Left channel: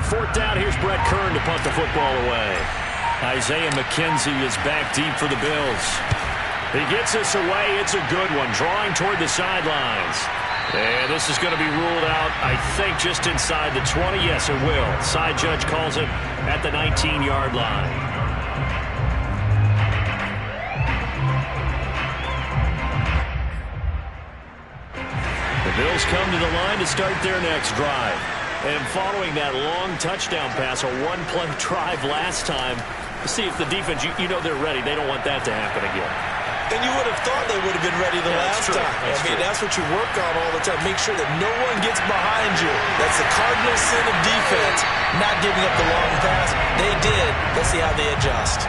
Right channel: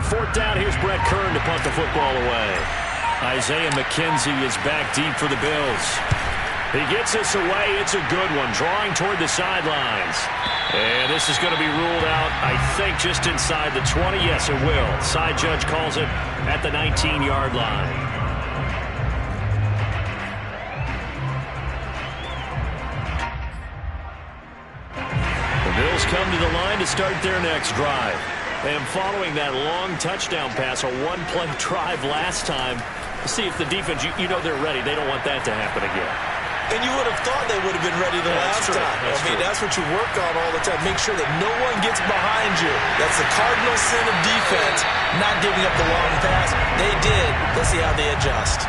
On fourth down, here's Brett Kern to punt the football away. Isaiah McKenzie is back deep for the Bills. He gets this away. It's a good one, drawing toward the sidelines. And this is going to be ruled out, I think, just inside the 20. Yes, it will. Side judge calls it at the 19-yard line. The Bills come to the line to start their next drive. And following that long touchdown pass, a one-play drive last time, see if the defense, you know they're ready. They don't want that to happen again. And you would have thought they would have been ready the last time. That's what you work on all the time. Make sure that no one gets behind you. That's the cardinal sin of defense, not giving up the long pass. They did. Let's see how they adjust.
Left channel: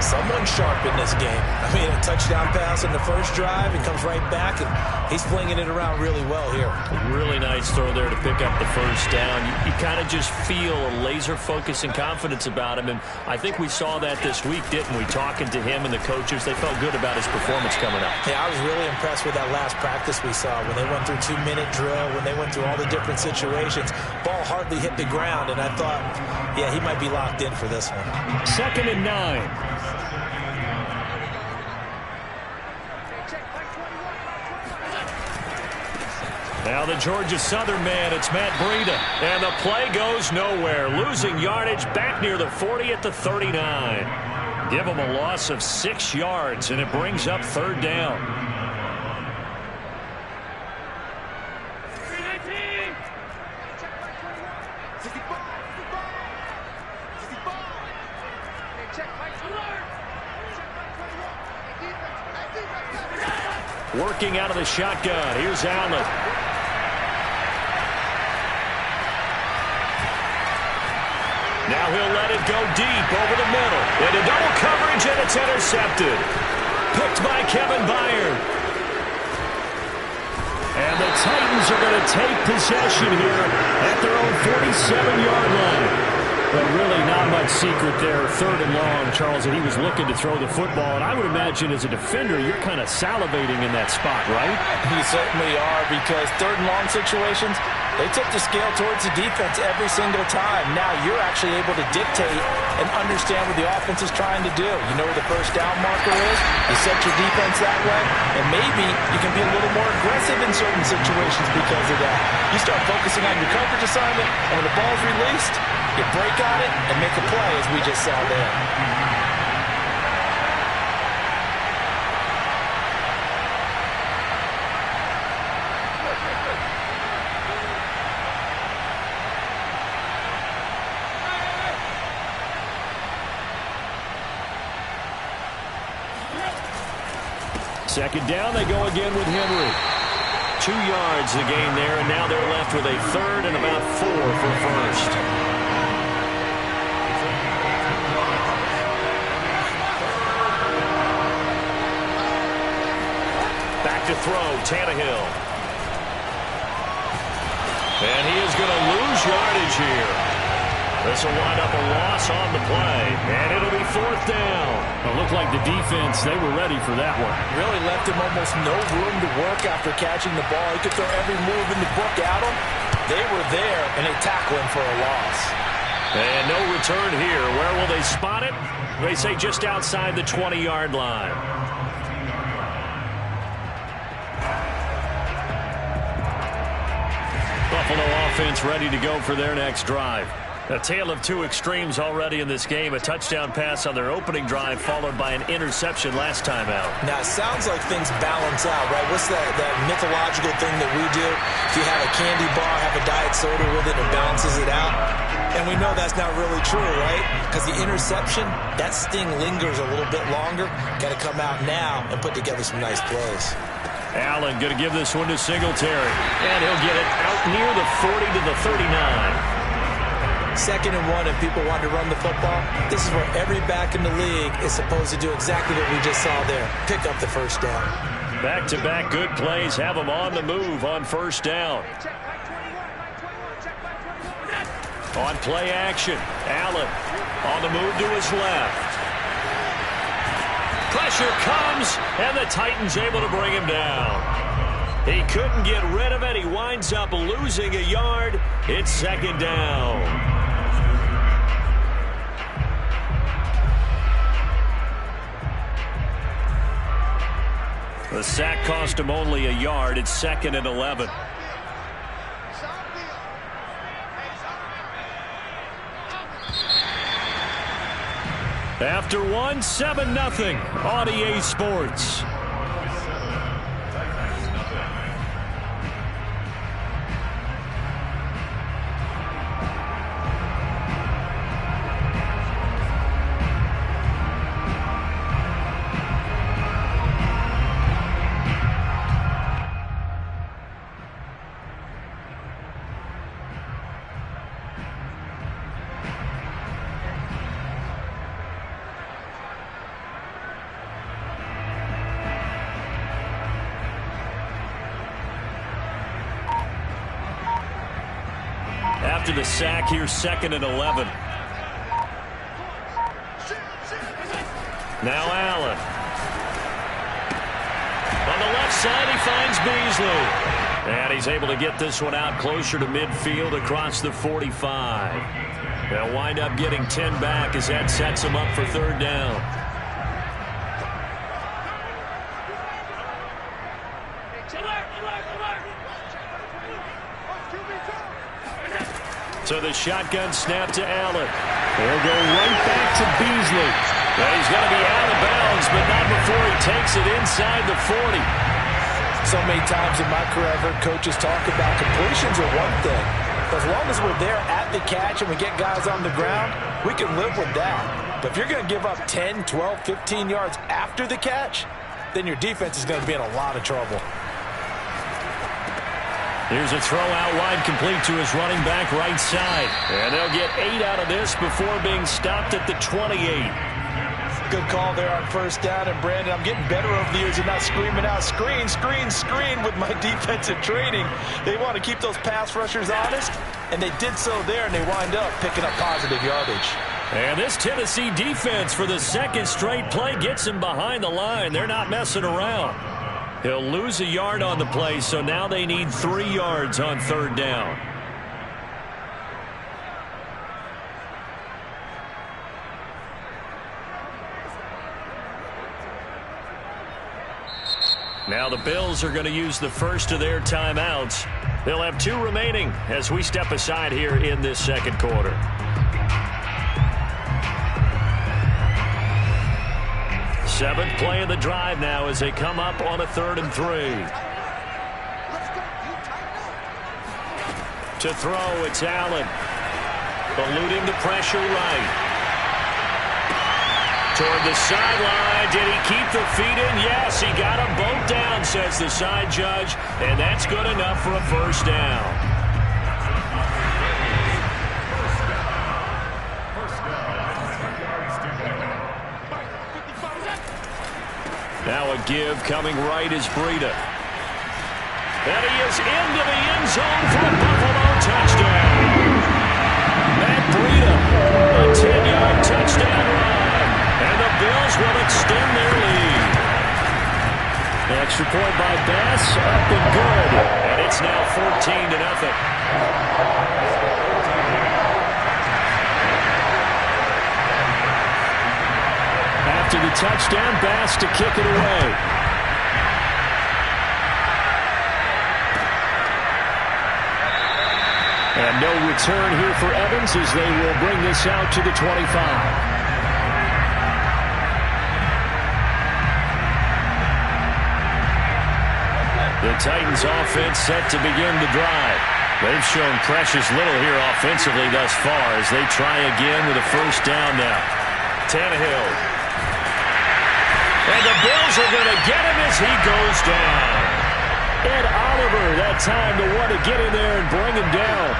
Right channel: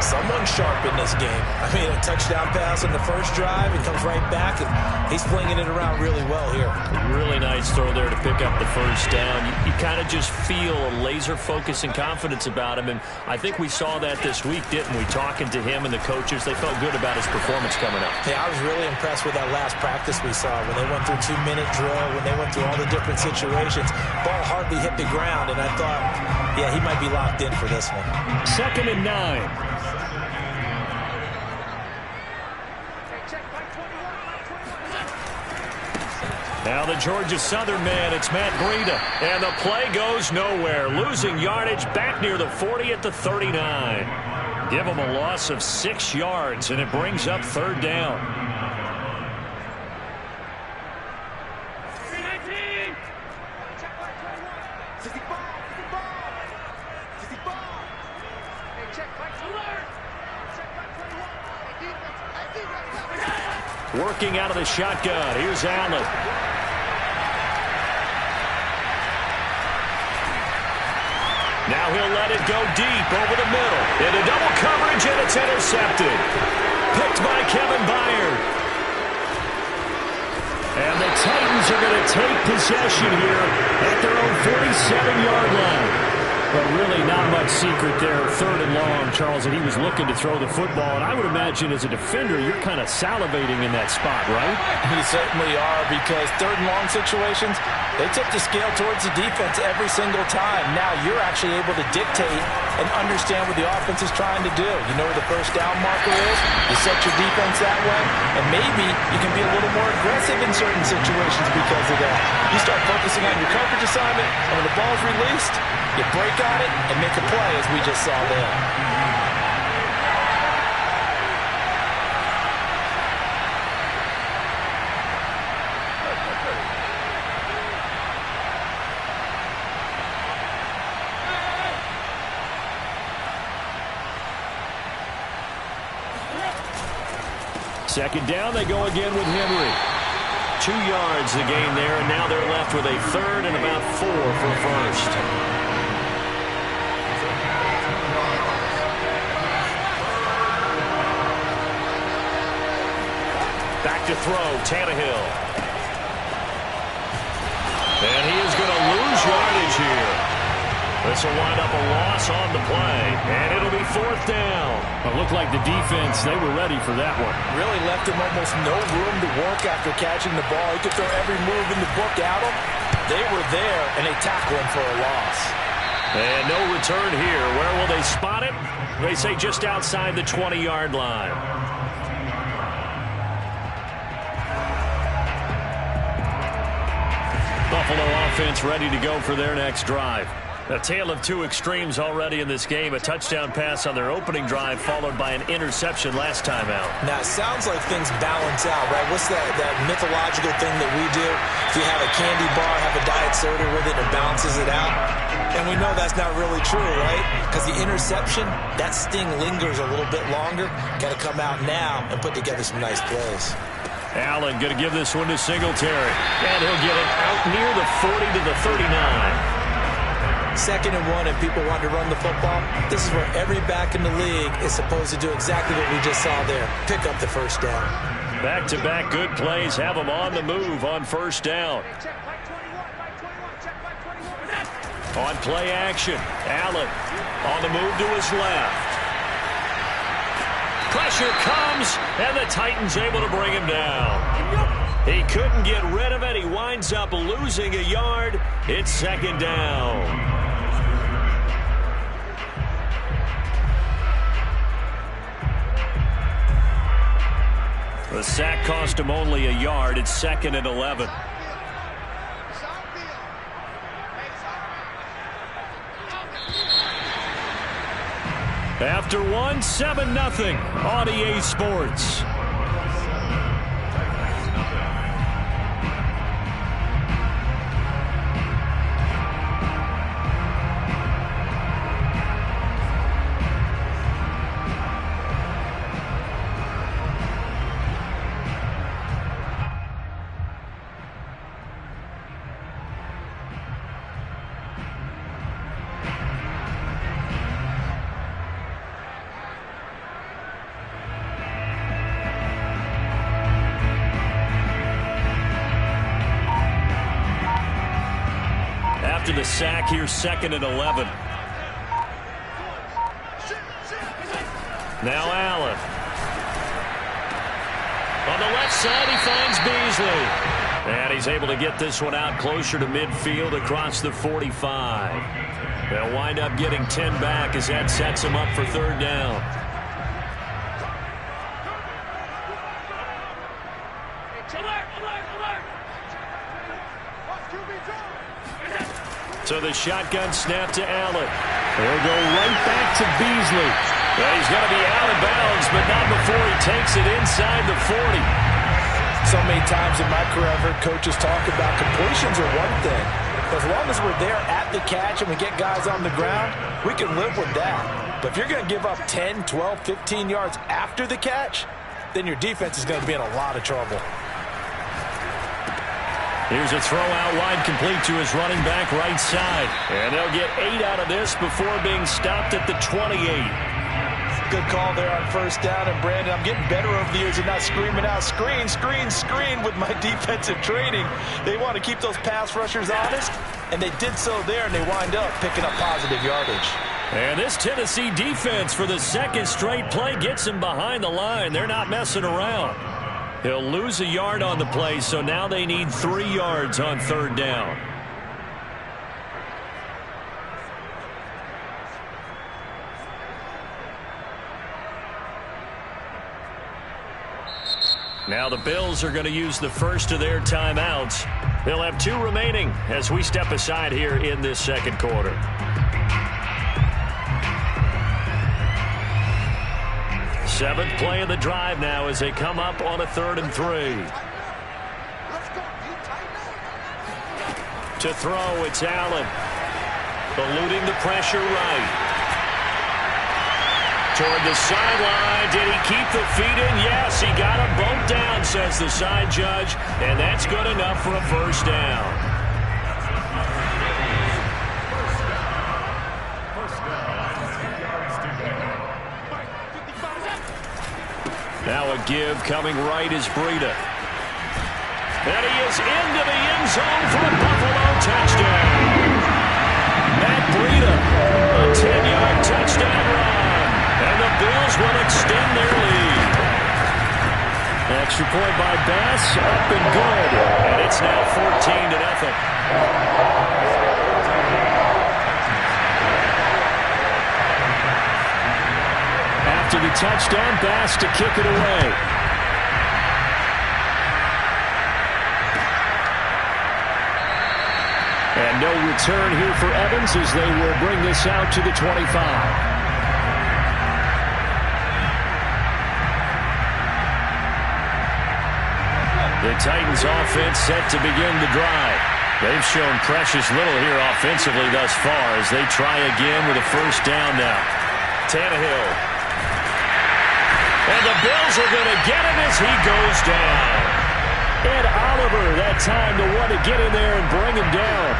Someone sharp in this game. A touchdown pass on the first drive. He comes right back, and he's flinging it around really well here. Really nice throw there to pick up the first down. You kind of just feel a laser focus and confidence about him, and I think we saw that this week, didn't we? Talking to him and the coaches, they felt good about his performance coming up. Yeah, I was really impressed with that last practice we saw when they went through 2-minute drill, when they went through all the different situations. Ball hardly hit the ground, and I thought, yeah, he might be locked in for this one. 2nd and 9. Now the Georgia Southern man, it's Matt Breida. And the play goes nowhere. Losing yardage back near the 40 at the 39. Give him a loss of 6 yards, and it brings up 3rd down. Working out of the shotgun. Here's Allen. Now he'll let it go deep over the middle. Into double coverage, and it's intercepted. Picked by Kevin Byard. And the Titans are going to take possession here at their own 47-yard line. But really not much secret there. 3rd and long, Charles, and he was looking to throw the football. And I would imagine as a defender, you're kind of salivating in that spot, right? You certainly are, because 3rd and long situations, they tip the scale towards the defense every single time. Now you're actually able to dictate and understand what the offense is trying to do. You know where the first down marker is. You set your defense that way, and maybe you can be a little more aggressive in certain situations because of that. You start focusing on your coverage assignment, and when the ball's released, you break on it and make a play, as we just saw there. Second down, they go again with Henry. 2 yards the gain there, and now they're left with a 3rd and about 4 for first. Back to throw, Tannehill. And he is going to lose yardage here. This will wind up a loss on the play, and it'll be 4th down. It looked like the defense, they were ready for that one. Really left him almost no room to work after catching the ball. He could throw every move in the book at him. They were there, and they tackle him for a loss. And no return here. Where will they spot it? They say just outside the 20-yard line. Buffalo offense ready to go for their next drive. A tale of two extremes already in this game. A touchdown pass on their opening drive followed by an interception last time out. Now, it sounds like things balance out, right? What's that mythological thing that we do? If you have a candy bar, have a diet soda with it, and balances it out. And we know that's not really true, right? Because the interception, that sting lingers a little bit longer. Got to come out now and put together some nice plays. Allen going to give this one to Singletary. And he'll get it out near the 40 to the 39. 2nd and 1, and people want to run the football. This is where every back in the league is supposed to do exactly what we just saw there. Pick up the first down. Back-to-back good plays have them on the move on first down. On play action, Allen on the move to his left. Pressure comes, and the Titans able to bring him down. He couldn't get rid of it. He winds up losing a yard. It's 2nd down. The sack cost him only a yard. It's 2nd and 11. After one, 7-0 on EA Sports. After the sack, here's 2nd and 11. Now Allen. On the left side, he finds Beasley. And he's able to get this one out closer to midfield across the 45. They'll wind up getting 10 back as that sets him up for 3rd down. So the shotgun snap to Allen. He'll go right back to Beasley. And he's going to be out of bounds, but not before he takes it inside the 40. So many times in my career, I've heard coaches talk about completions are one thing. As long as we're there at the catch and we get guys on the ground, we can live with that. But if you're going to give up 10, 12, 15 yards after the catch, then your defense is going to be in a lot of trouble. Here's a throw out wide, complete to his running back right side. And they'll get 8 out of this before being stopped at the 28. Good call there on 1st down. And, Brandon, I'm getting better over the years and not screaming out, screen, screen, screen with my defensive training. They want to keep those pass rushers honest, and they did so there, and they wind up picking up positive yardage. And this Tennessee defense for the 2nd straight play gets him behind the line. They're not messing around. He'll lose a yard on the play, so now they need 3 yards on 3rd down. Now the Bills are going to use the first of their timeouts. They'll have 2 remaining as we step aside here in this 2nd quarter. Seventh play of the drive now as they come up on a 3rd and 3. To throw, it's Allen. Eluding the pressure right. Toward the sideline. Did he keep the feet in? Yes, he got them both down, says the side judge. And that's good enough for a 1st down. Now a give coming right is Breida. And he is into the end zone for a Buffalo touchdown. Matt Breida, a 10-yard touchdown run. And the Bills will extend their lead. Extra point by Bass, up and good. And it's now 14-0. After the touchdown, Bass to kick it away. And no return here for Evans as they will bring this out to the 25. The Titans offense set to begin the drive. They've shown precious little here offensively thus far as they try again with a 1st down now. Tannehill. And the Bills are going to get him as he goes down. Ed Oliver, that time the one to get in there and bring him down.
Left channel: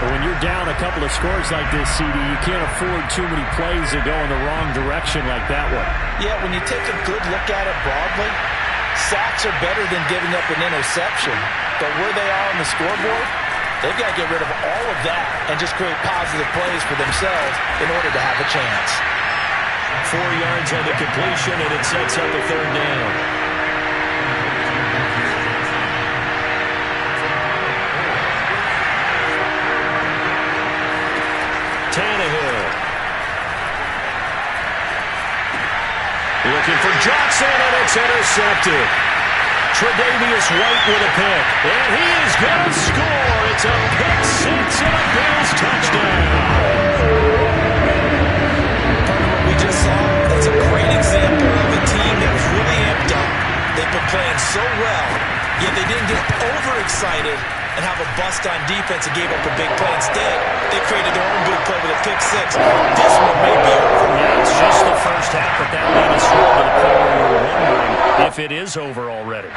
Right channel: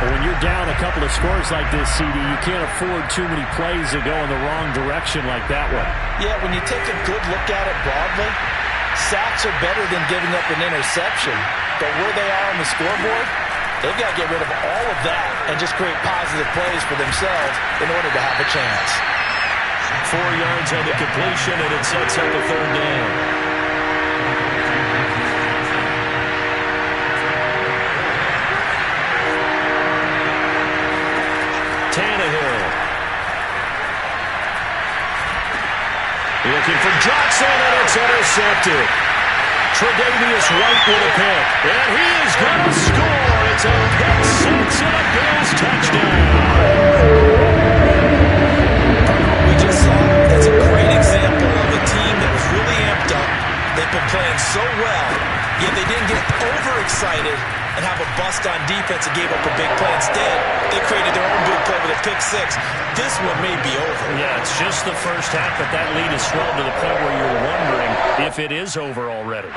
But when you're down a couple of scores like this, CD, you can't afford too many plays that go in the wrong direction like that one. Yeah, when you take a good look at it broadly, sacks are better than giving up an interception. But where they are on the scoreboard, they've got to get rid of all of that and just create positive plays for themselves in order to have a chance. 4 yards on the completion, and it sets up a 3rd down. Tannehill. Looking for Johnson, and it's intercepted. Tre'Davious White with a pick. And he is going to score. It's a pick six and a Bills touchdown. Partner, what we just saw, that's a great example of a team that was really amped up. They've been playing so well, yet they didn't get overexcited and have a bust on defense and gave up a big play. Instead, they created their own big play with a pick six. This one may be over. Yeah, it's just the first half, but that lead is swelled to the point where you're wondering if it is over already.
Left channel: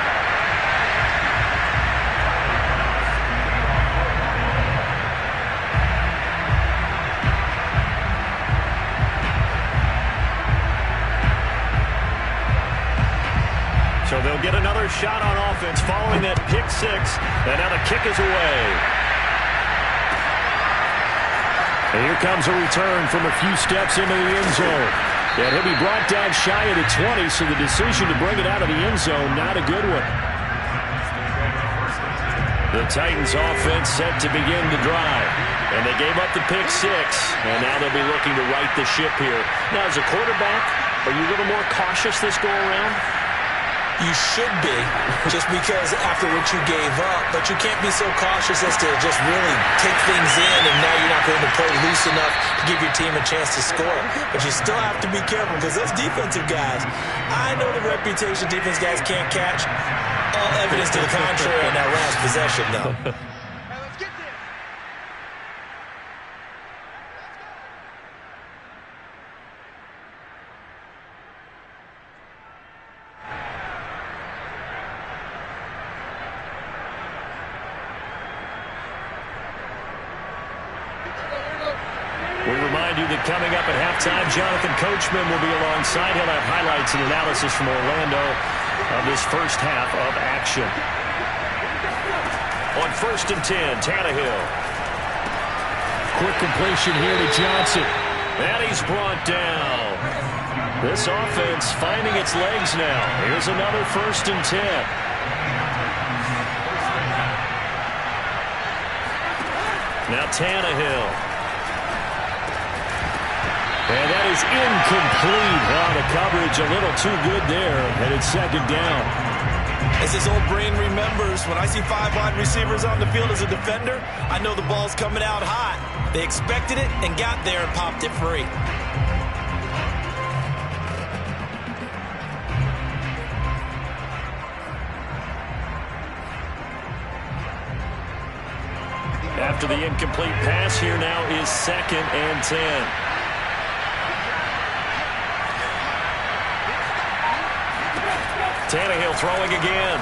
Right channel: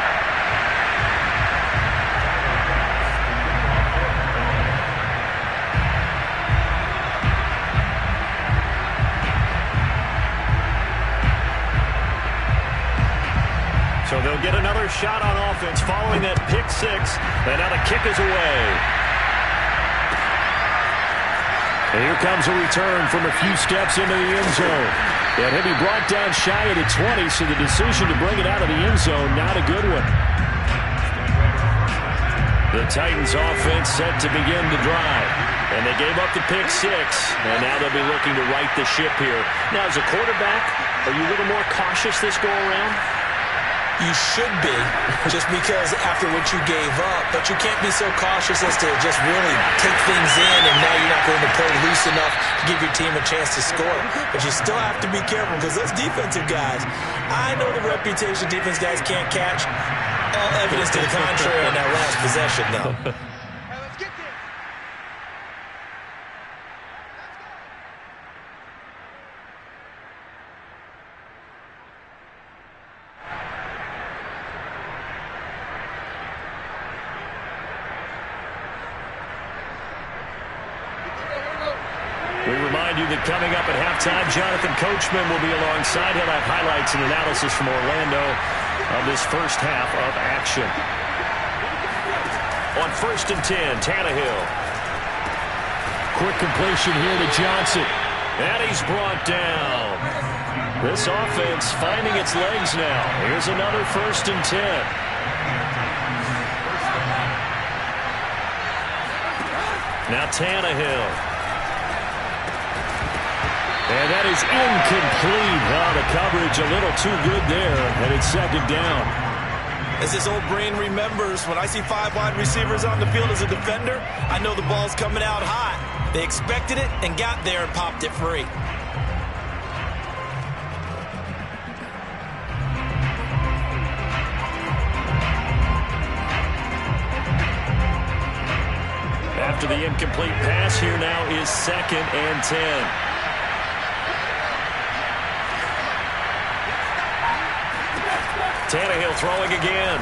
So they'll get another shot on offense following that pick six. And now the kick is away. And here comes a return from a few steps into the end zone. And he'll be brought down shy of the 20, so the decision to bring it out of the end zone, not a good one. The Titans offense set to begin the drive. And they gave up the pick six. And now they'll be looking to right the ship here. Now, as a quarterback, are you a little more cautious this go around? You should be, just because after what you gave up, but you can't be so cautious as to just really take things in, and now you're not going to play loose enough to give your team a chance to score. But you still have to be careful, because those defensive guys, I know the reputation defense guys can't catch. All evidence to the contrary on that last possession, though. We remind you that coming up at halftime, Jonathan Coachman will be alongside. He'll have highlights and analysis from Orlando of this first half of action. On 1st and 10, Tannehill. Quick completion here to Johnson. And he's brought down. This offense finding its legs now. Here's another 1st and 10. Now Tannehill. And that is incomplete. Oh, the coverage a little too good there, and it's 2nd down. As his old brain remembers, when I see 5 wide receivers on the field as a defender, I know the ball's coming out hot. They expected it and got there and popped it free. After the incomplete pass, here now is 2nd and 10. Tannehill throwing again.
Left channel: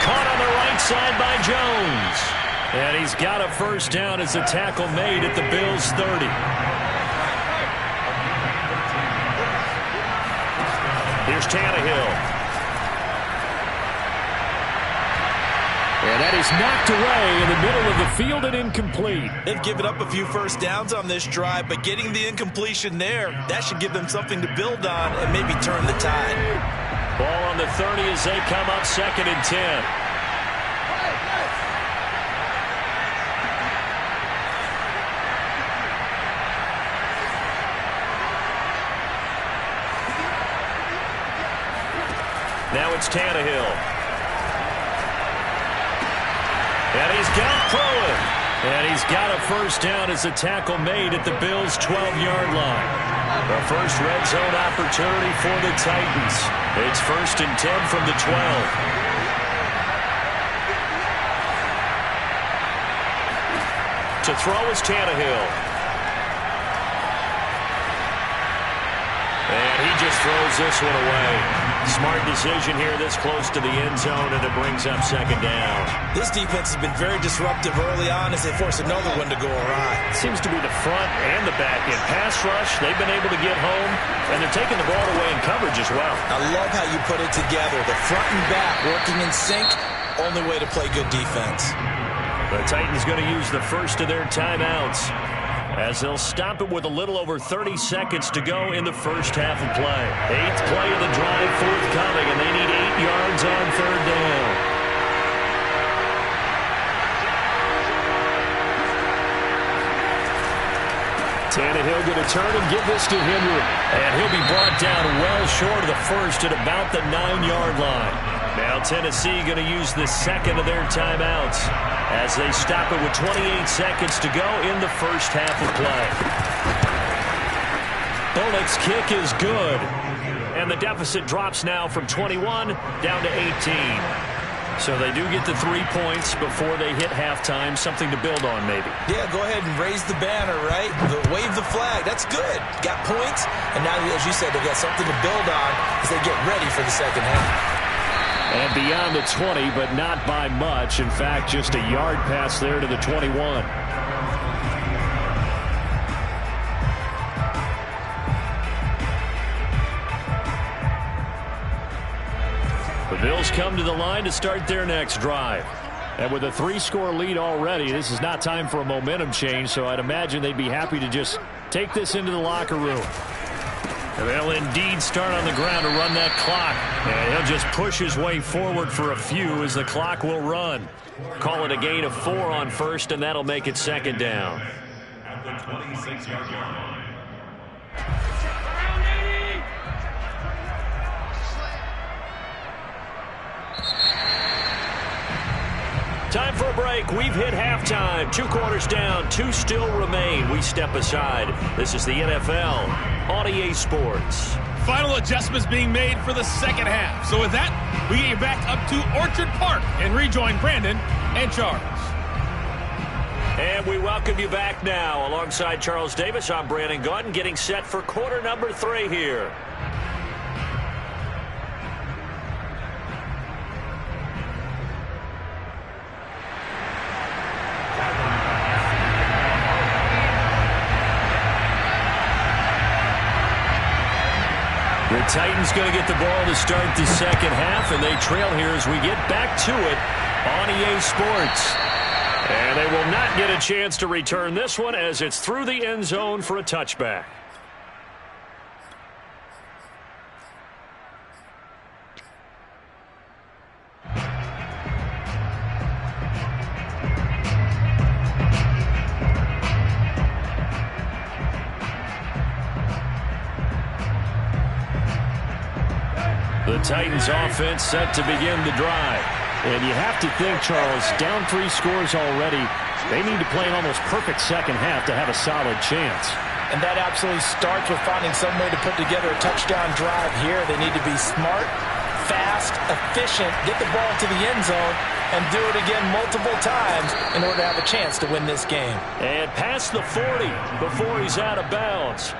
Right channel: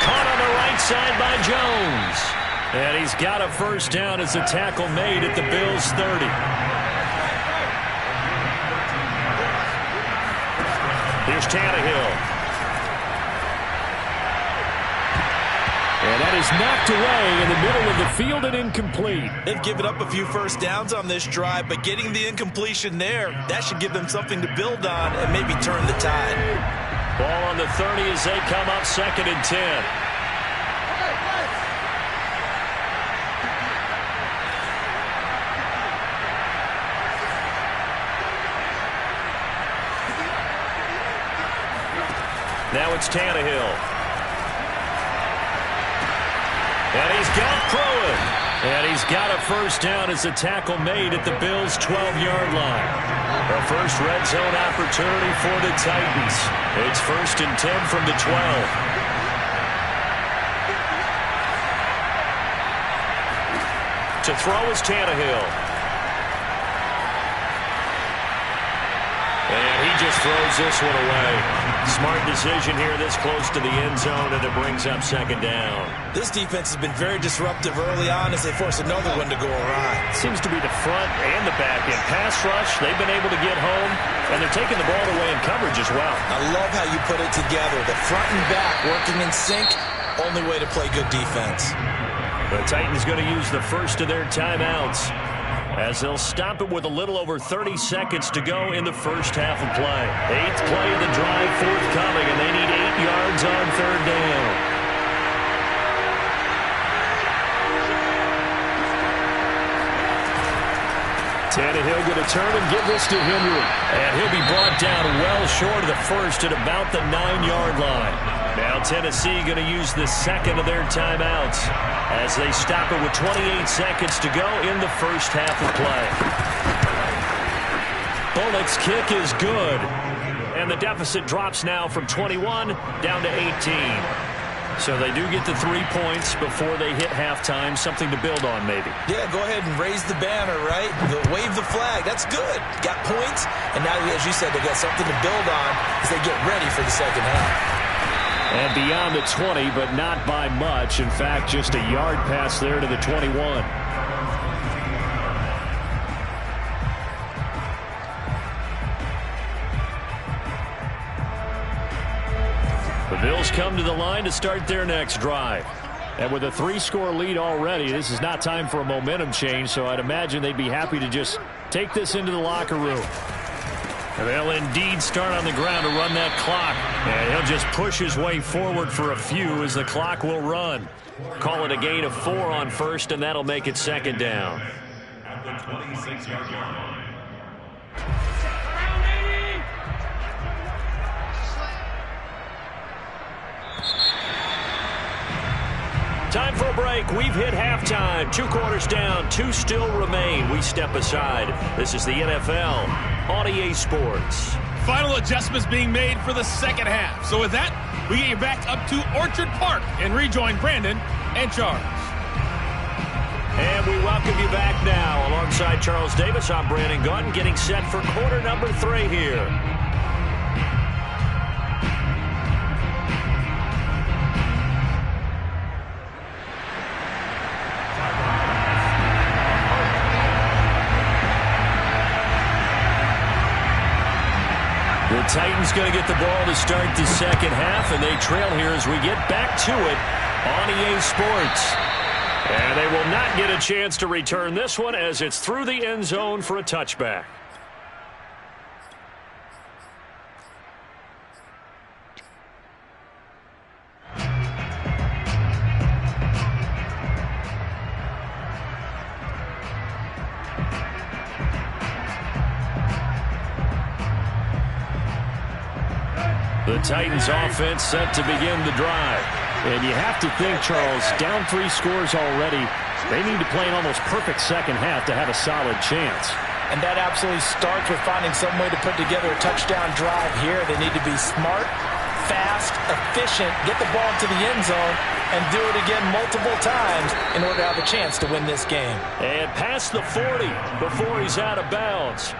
Caught on the right side by Jones. And he's got a 1st down as the tackle made at the Bills' 30. Here's Tannehill. And that is knocked away in the middle of the field and incomplete. They've given up a few 1st downs on this drive, but getting the incompletion there, that should give them something to build on and maybe turn the tide. Ball on the 30 as they come up 2nd and 10. Now it's Tannehill. And he's got Pruitt. And he's got a 1st down as the tackle made at the Bills' 12-yard line. The first red zone opportunity for the Titans. It's 1st and 10 from the 12. To throw is Tannehill. And he just throws this one away. Smart decision here this close to the end zone, and it brings up 2nd down. This defense has been very disruptive early on as they force another one to go awry. Seems to be the front and the back end. Pass rush, they've been able to get home, and they're taking the ball away in coverage as well. I love how you put it together. The front and back working in sync, only way to play good defense. The Titans going to use the first of their timeouts, as they'll stop it with a little over 30 seconds to go in the first half of play. 8th play of the drive forthcoming, and they need 8 yards on 3rd down. Tannehill going to turn and give this to Henry. And he'll be brought down well short of the first at about the 9-yard line. Now Tennessee going to use the second of their timeouts as they stop it with 28 seconds to go in the first half of play. Bullock's kick is good. And the deficit drops now from 21 down to 18. So they do get the 3 points before they hit halftime. Something to build on, maybe. Yeah, go ahead and raise the banner, right? Wave the flag. That's good. Got points. And now, as you said, they got something to build on as they get ready for the second half. And beyond the 20, but not by much. In fact, just a yard pass there to the 21. The Bills come to the line to start their next drive. And with a 3-score lead already, this is not time for a momentum change, so I'd imagine they'd be happy to just take this into the locker room. And they'll indeed start on the ground to run that clock. And he'll just push his way forward for a few as the clock will run. Call it a gain of 4 on first, and that'll make it second down. At the 26-yard line. Time for a break. We've hit halftime. 2 quarters down. 2 still remain. We step aside. This is the NFL on EA Sports. Final adjustments being made for the second half. So with that, we get you back up to Orchard Park and rejoin Brandon and Charles. And we welcome you back now. Alongside Charles Davis, I'm Brandon Gaudin, getting set for quarter number 3 here. The Titans going to get the ball to start the second half, and they trail here as we get back to it on EA Sports. And they will not get a chance to return this one as it's through the end zone for a touchback. The Titans offense set to begin the drive. And you have to think, Charles, down 3 scores already, they need to play an almost perfect second half to have a solid chance. And that absolutely starts with finding some way to put together a touchdown drive here. They need to be smart, fast, efficient, get the ball into the end zone, and do it again multiple times in order to have a chance to win this game. And past the 40 before he's out of bounds.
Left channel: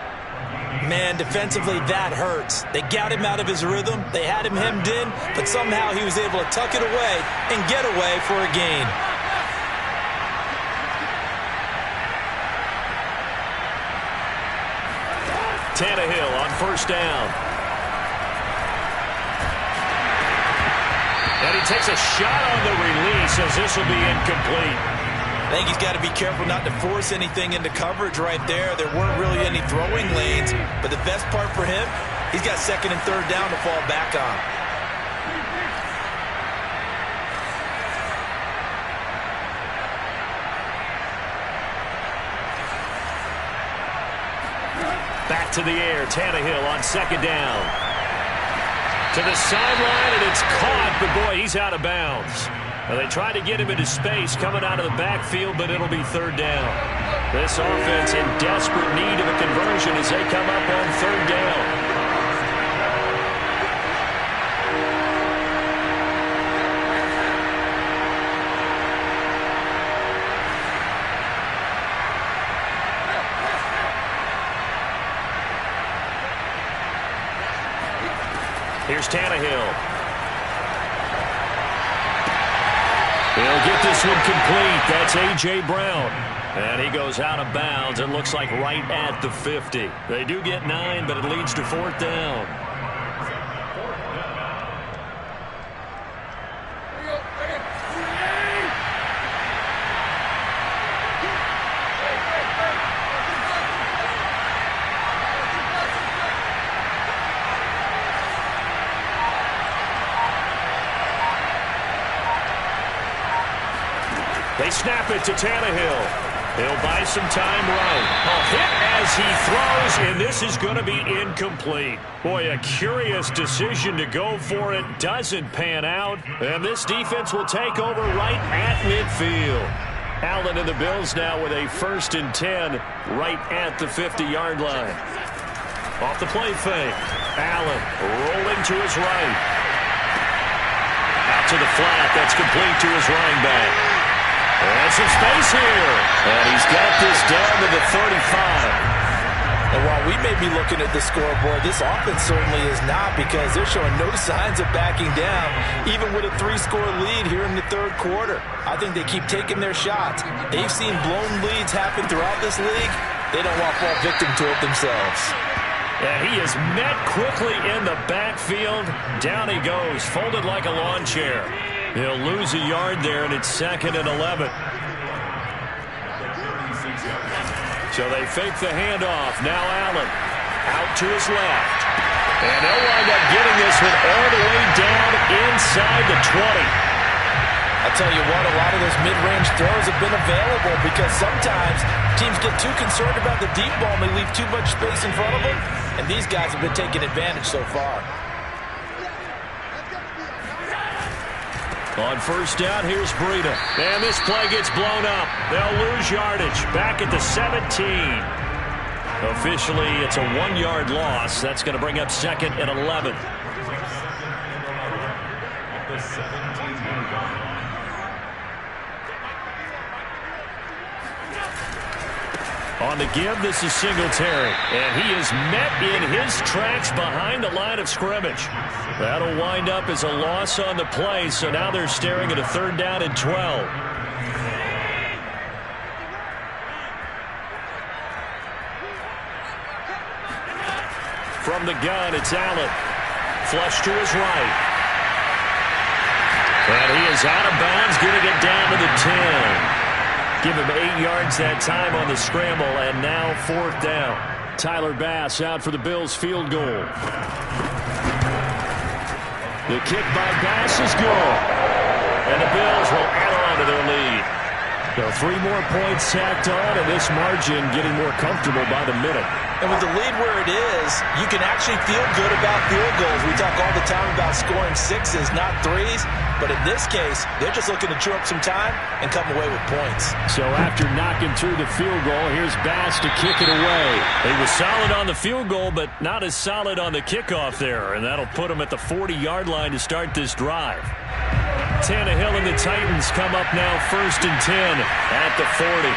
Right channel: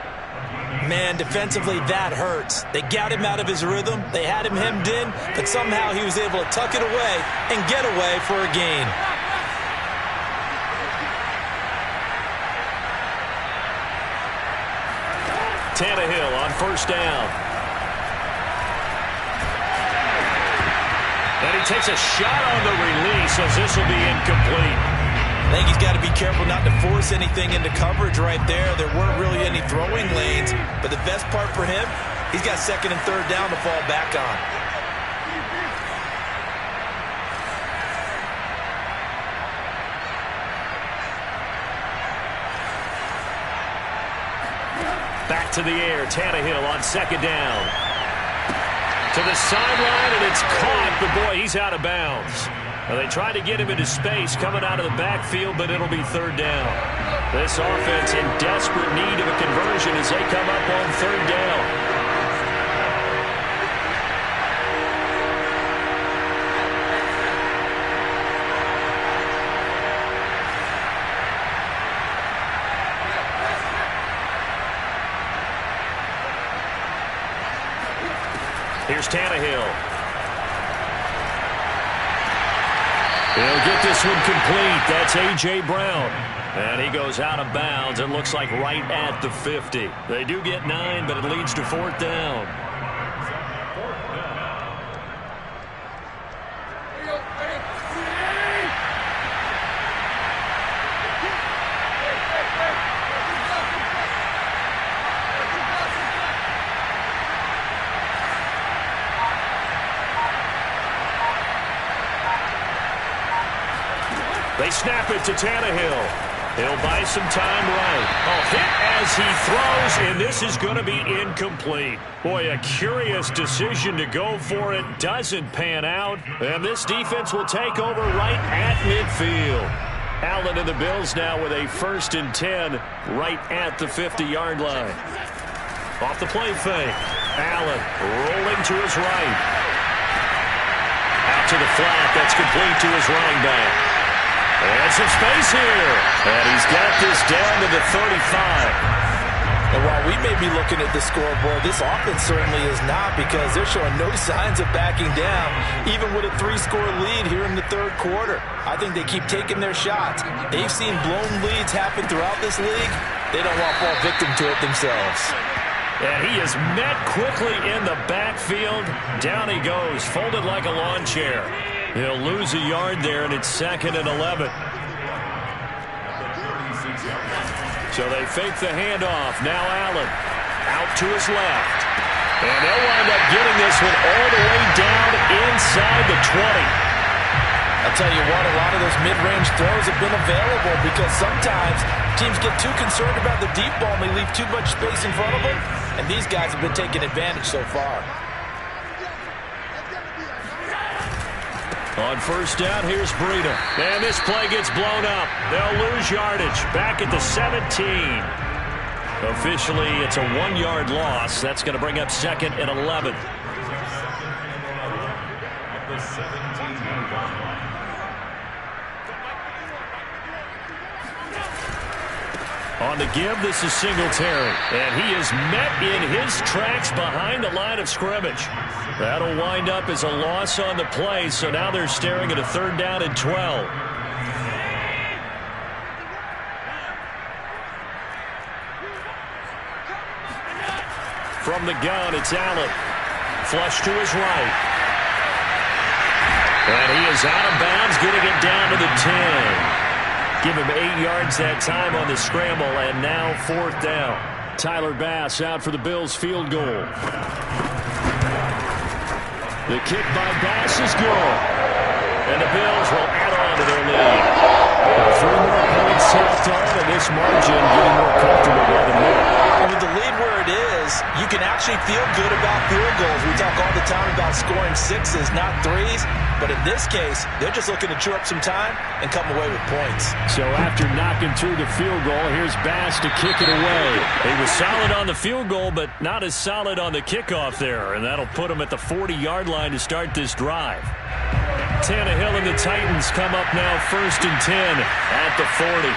Man, defensively, that hurts. They got him out of his rhythm. They had him hemmed in, but somehow he was able to tuck it away and get away for a gain. Tannehill on first down. And he takes a shot on the release as this will be incomplete. I think he's got to be careful not to force anything into coverage right there. There weren't really any throwing lanes, but the best part for him, he's got second and third down to fall back on. Back to the air, Tannehill on second down. To the sideline, and it's caught, but boy, he's out of bounds. Now they tried to get him into space coming out of the backfield, but it'll be third down. This offense in desperate need of a conversion as they come up on third down. Here's Tannehill. He'll get this one complete. That's A.J. Brown. And he goes out of bounds. It looks like right at the 50. They do get 9, but it leads to fourth down. They snap it to Tannehill. He'll buy some time right. A hit as he throws, and this is going to be incomplete. Boy, a curious decision to go for it. Doesn't pan out, and this defense will take over right at midfield. Allen and the Bills now with a 1st and 10 right at the 50-yard line. Off the play fake. Allen rolling to his right. Out to the flat. That's complete to his running back. And some space here. And he's got this down to the 35. And while we may be looking at the scoreboard, this offense certainly is not, because they're showing no signs of backing down, even with a 3-score lead here in the 3rd quarter. I think they keep taking their shots. They've seen blown leads happen throughout this league. They don't want to fall victim to it themselves. And he is met quickly in the backfield. Down he goes, folded like a lawn chair. He'll lose a yard there, and it's 2nd and 11. So they fake the handoff. Now Allen out to his left. And they'll wind up getting this one all the way down inside the 20. I'll tell you what, a lot of those mid-range throws have been available, because sometimes teams get too concerned about the deep ball and they leave too much space in front of them. And these guys have been taking advantage so far. On 1st down, here's Breida. And this play gets blown up. They'll lose yardage. Back at the 17. Officially, it's a 1-yard loss. That's going to bring up 2nd and 11. At the 17-yard line. On the give, this is Singletary. And he is met in his tracks behind the line of scrimmage. That'll wind up as a loss on the play, so now they're staring at a 3rd down and 12. From the gun, it's Allen. Flush to his right. And he is out of bounds, getting it down to the 10. Give him 8 yards that time on the scramble, and now 4th down. Tyler Bass out for the Bills' field goal. The kick by Bass is good. And the Bills will add on to their lead. Now 3 more points tacked on, and this margin getting more comfortable by the minute. And with the lead where it is, you can actually feel good about field goals. We talk all the time about scoring 6s, not 3s. But in this case, they're just looking to chew up some time and come away with points. So after knocking through the field goal, here's Bass to kick it away. He was solid on the field goal, but not as solid on the kickoff there. And that'll put him at the 40-yard line to start this drive. Tannehill and the Titans come up now 1st and 10 at the 40.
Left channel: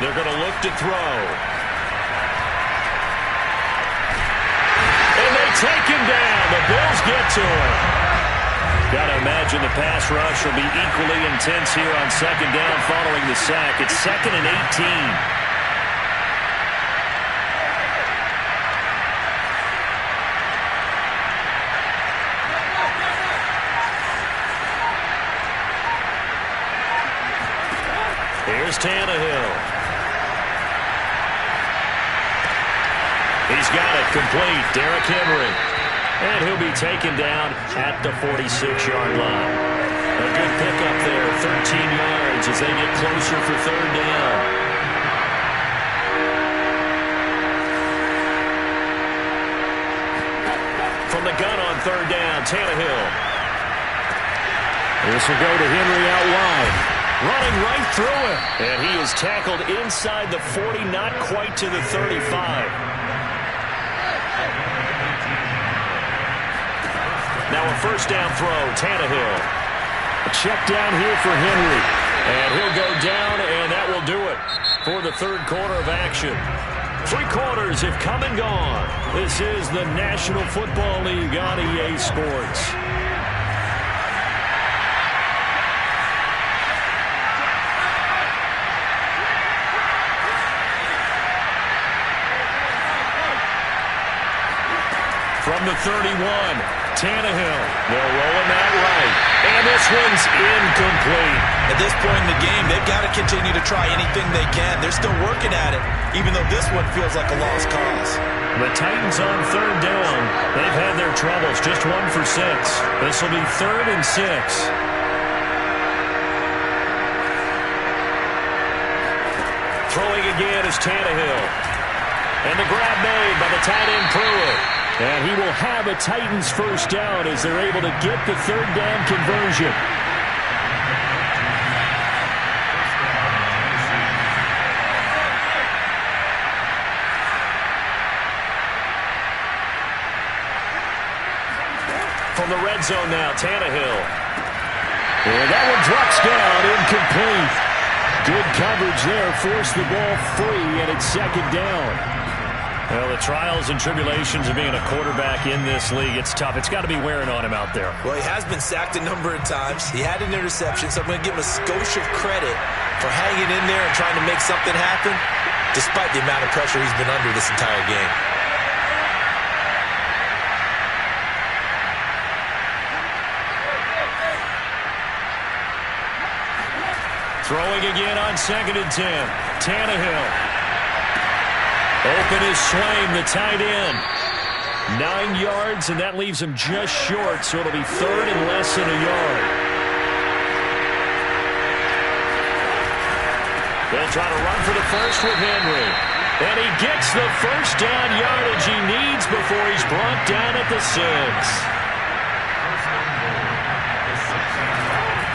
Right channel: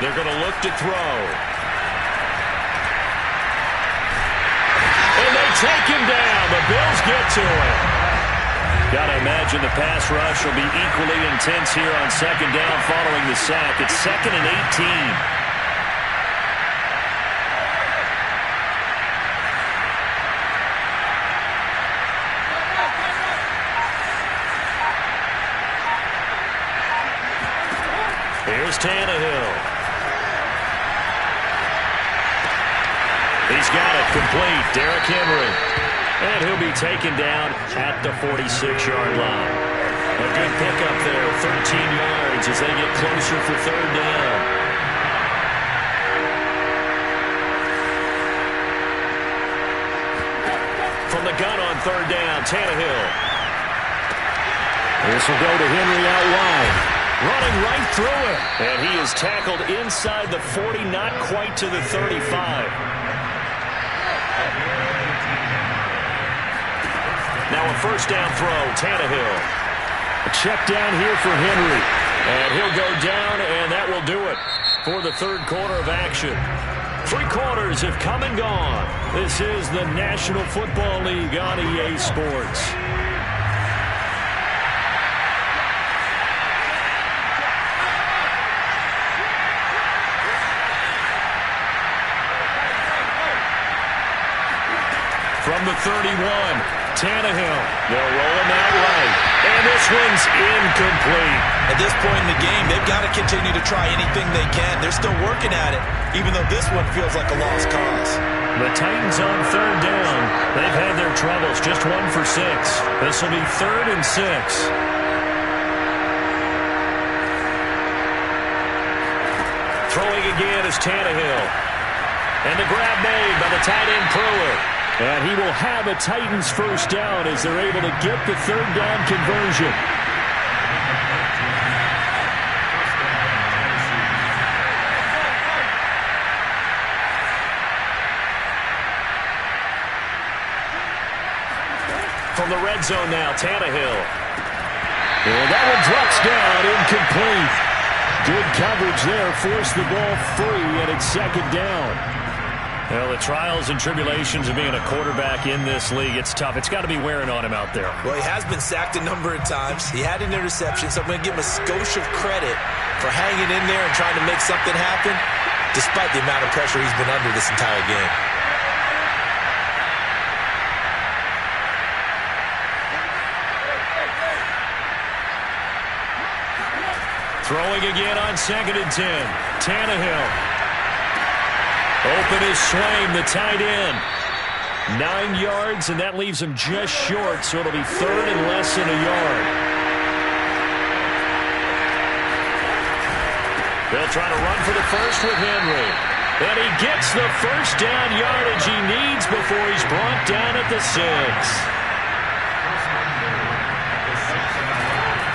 They're going to look to throw. And they take him down. The Bills get to him. Got to imagine the pass rush will be equally intense here on 2nd down following the sack. It's 2nd and 18. Here's Tannehill. He's got it complete. Derrick Henry. And he'll be taken down at the 46-yard line. A good pickup there, 13 yards as they get closer for 3rd down. From the gun on 3rd down, Tannehill. This will go to Henry out wide. Running right through him. And he is tackled inside the 40, not quite to the 35. Now a 1st down throw, Tannehill. A check down here for Henry. And he'll go down, and that will do it for the 3rd quarter of action. 3 quarters have come and gone. This is the National Football League on EA Sports. From the 31, Tannehill. They'll roll him out right. And this this one's incomplete. At this point in the game, they've got to continue to try anything they can. They're still working at it, even though this one feels like a lost cause. The Titans on third down. They've had their troubles, just 1 for 6. This will be 3rd and 6. Throwing again is Tannehill. And the grab made by the tight end Pruitt. And he will have a Titans first down as they're able to get the third down conversion. From the red zone now, Tannehill. And that one drops down, incomplete. Good coverage there, forced the ball free, and it's 2nd down. Well, the trials and tribulations of being a quarterback in this league, it's tough. It's got to be wearing on him out there. Well, he has been sacked a number of times. He had an interception, so I'm going to give him a skosh of credit for hanging in there and trying to make something happen, despite the amount of pressure he's been under this entire game. Throwing again on 2nd and 10. Tannehill. Open is Swaim, the tight end. 9 yards, and that leaves him just short, so it'll be 3rd and less than a yard. They'll try to run for the first with Henry. And he gets the first down yardage he needs before he's brought down at the 6.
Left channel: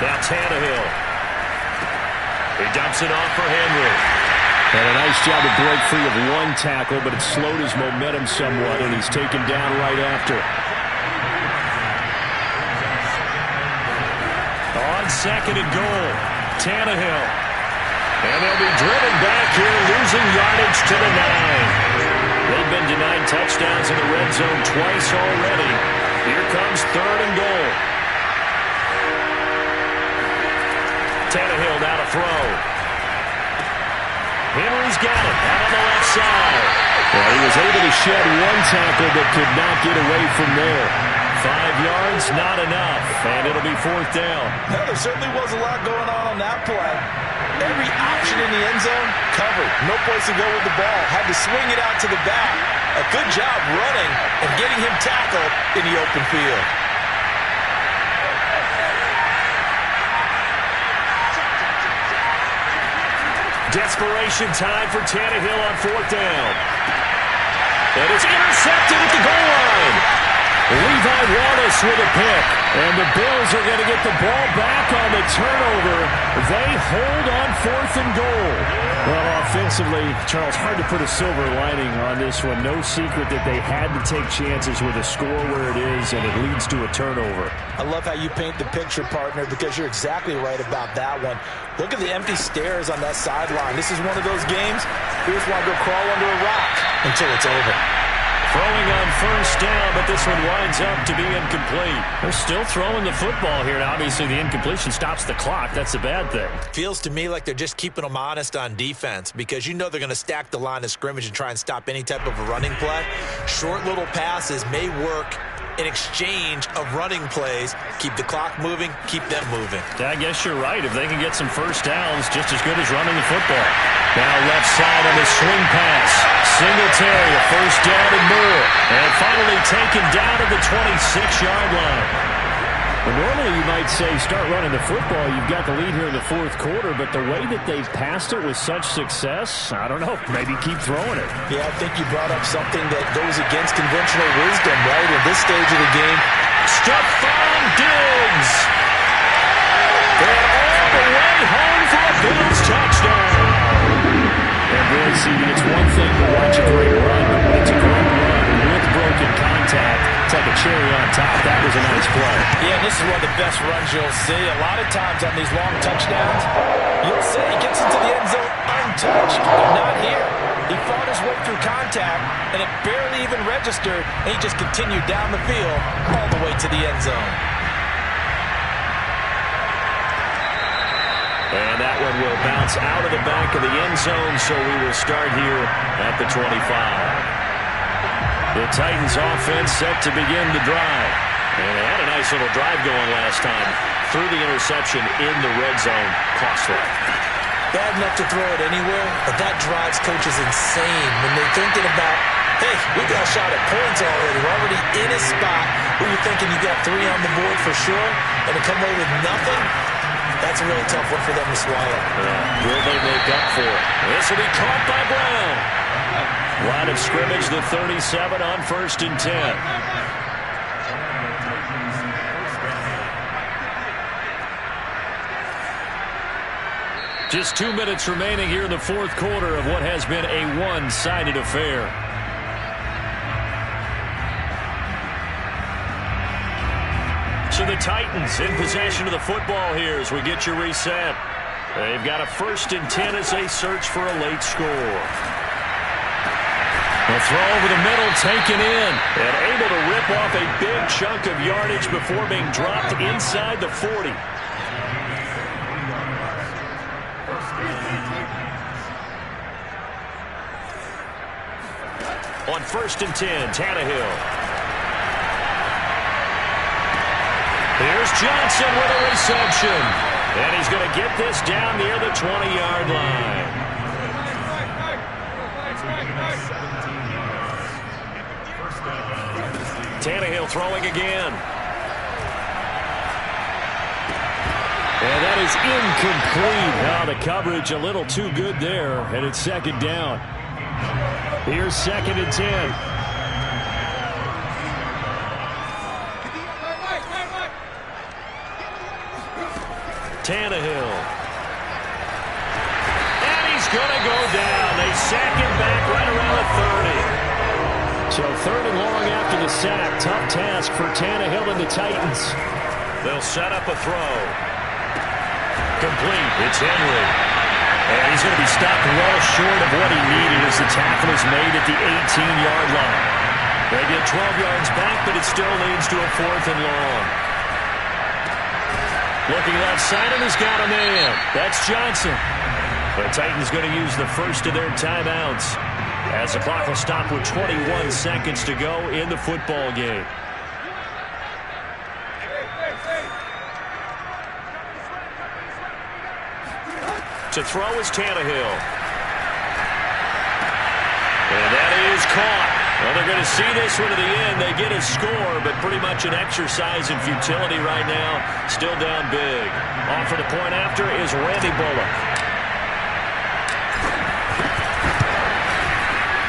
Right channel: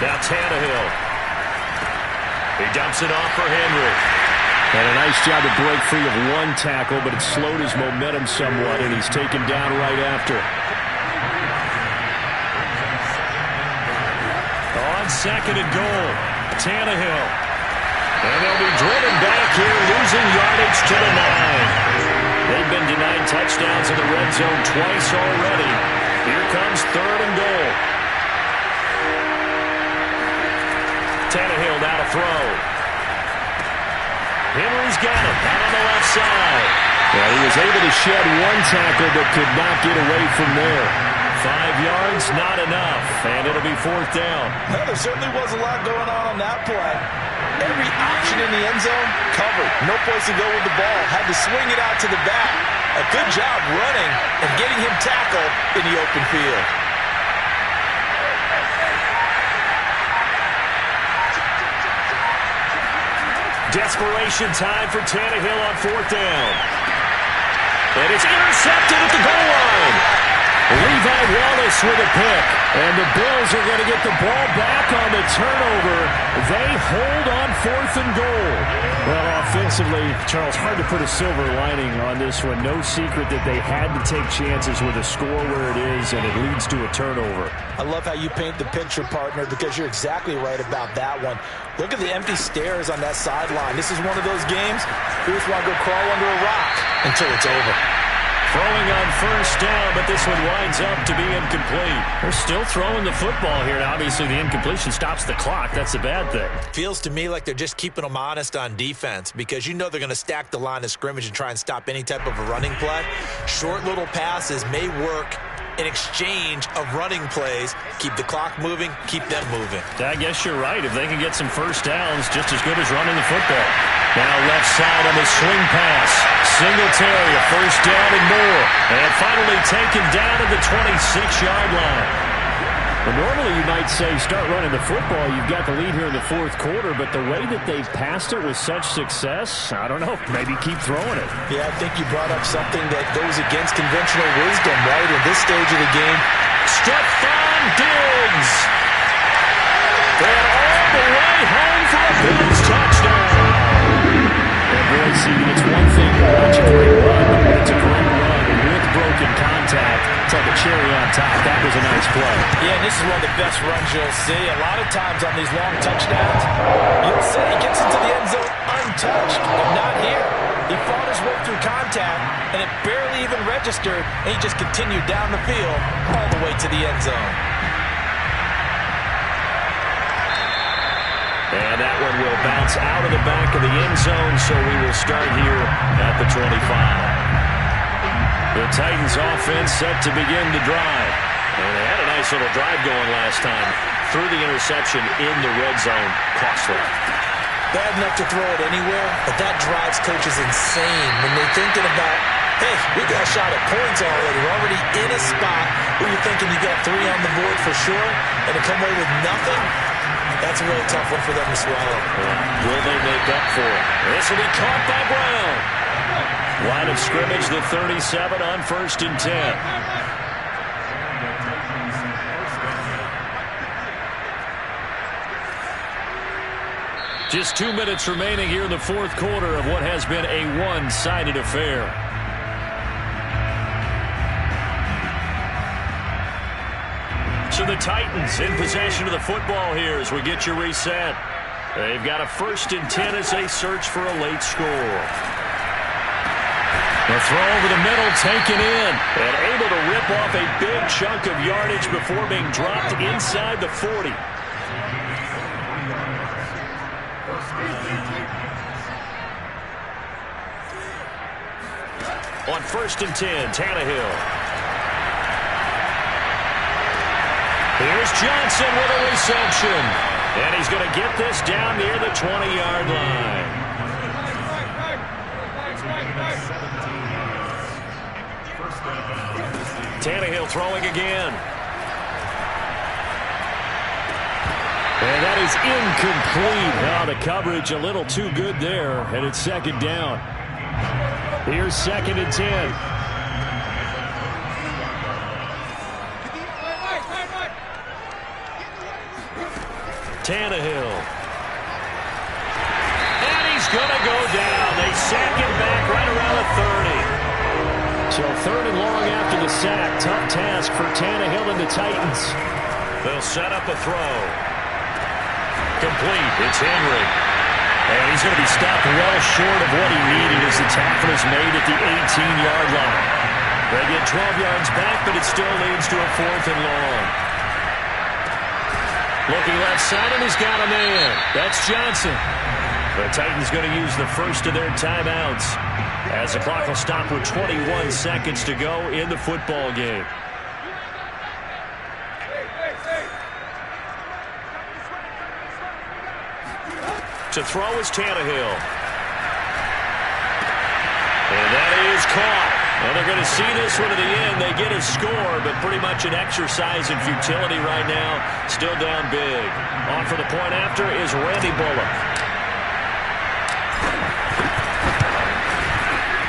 Now Tannehill. He dumps it off for Henry. And a nice job to break free of one tackle, but it slowed his momentum somewhat, and he's taken down right after. On 2nd and goal, Tannehill. And they'll be driven back here, losing yardage to the 9. They've been denied touchdowns in the red zone twice already. Here comes 3rd and goal. Tannehill now to throw. Henry's got it out on the left side. Well, he was able to shed one tackle but could not get away from there. 5 yards, not enough, and it'll be 4th down. Well, there certainly was a lot going on that play. Every option in the end zone covered. No place to go with the ball. Had to swing it out to the back. A good job running and getting him tackled in the open field. Desperation time for Tannehill on 4th down. And it's intercepted at the goal line. Levi Wallace with a pick. And the Bills are going to get the ball back on the turnover. They hold on 4th and goal. Well, offensively, Charles, hard to put a silver lining on this one. No secret that they had to take chances with a score where it is, and it leads to a turnover. I love how you paint the picture, partner, because you're exactly right about that one. Look at the empty stairs on that sideline. This is one of those games we just want to go crawl under a rock until it's over. Throwing on first down, but this one winds up to be incomplete. They're still throwing the football here. Now, obviously, the incompletion stops the clock. That's a bad thing. Feels to me like they're just keeping them honest on defense because you know they're going to stack the line of scrimmage and try and stop any type of a running play. Short little passes may work in exchange of running plays. Keep the clock moving, keep them moving. I guess you're right. If they can get some first downs, just as good as running the football. Now left side on the swing pass. Singletary, a first down and more. And finally taken down at the 26-yard line. Well, normally you might say start running the football. You've got the lead here in the 4th quarter, but the way that they've passed it with such success, I don't know, maybe keep throwing it. Yeah, I think you brought up something that goes against conventional wisdom, right? In this stage of the game. Stephon Diggs. And all the way home for a Bills touchdown. And boy, CD, it's one thing to watch a great run, but when it's a great run with broken contact, it's like a cherry on top. That was a nice play. Yeah, and this is one of the best runs you'll see. A lot of times on these long touchdowns, you'll see he gets into the end zone untouched, but not here. He fought his way through contact, and it barely even registered, and he just continued down the field all the way to the end zone. And that one will bounce out of the back of the end zone, so we will start here at the 25. The Titans offense set to begin the drive. And they had a nice little drive going last time. threw the interception in the red zone. Costly. Bad enough to throw it anywhere, but that drives coaches insane when they're thinking about, hey, we got a shot at points already. We're already in a spot where you're thinking you got 3 on the board for sure, and to come away with nothing, that's a really tough one for them to swallow. Yeah. Will they make up for it? This will be caught by Brown. Line of scrimmage, the 37 on 1st and 10. Just 2 minutes remaining here in the fourth quarter of what has been a one-sided affair. So the Titans in possession of the football here as we get you reset. They've got a 1st and 10 as they search for a late score. The throw over the middle, taken in, and able to rip off a big chunk of yardage before being dropped inside the 40. On 1st and 10, Tannehill. Here's Johnson with a reception. And he's going to get this down near the 20-yard line. Tannehill throwing again. And that is incomplete. Now the coverage a little too good there, and it's 2nd down. Here's 2nd and 10. Tannehill. And he's going to go down. They sack him back right around the 30. So 3rd and long after the sack. Tough task for Tannehill and the Titans. They'll set up a throw. Complete. It's Henry. And he's going to be stopped well short of what he needed as the tackle is made at the 18-yard line. They get 12 yards back, but it still leads to a 4th and long. Looking left side, and he's got a man. That's Johnson. The Titans going to use the first of their timeouts as the clock will stop with 21 seconds to go in the football game. To throw is Tannehill. And that is caught. Well, they're going to see this one to the end. They get a score, but pretty much an exercise in futility right now. Still down big. On for the point after is Randy Bullock.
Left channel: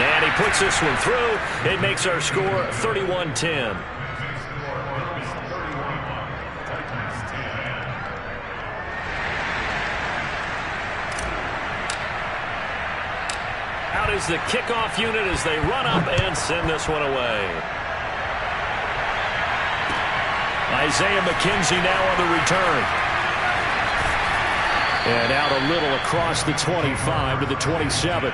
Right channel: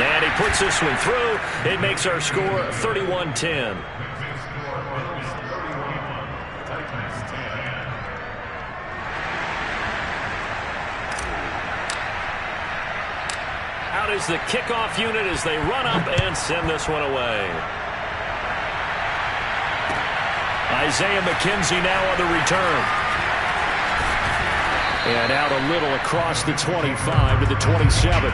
And he puts this one through. It makes our score 31-10. Out is the kickoff unit as they run up and send this one away. Isaiah McKenzie now on the return. And out a little across the 25 to the 27.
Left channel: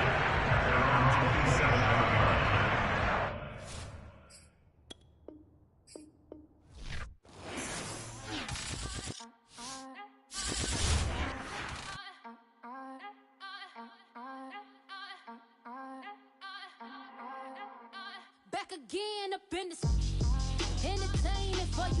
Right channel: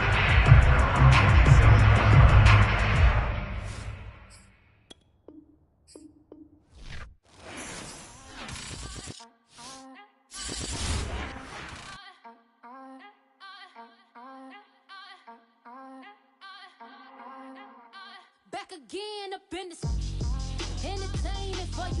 Back again up in this entertainment for you.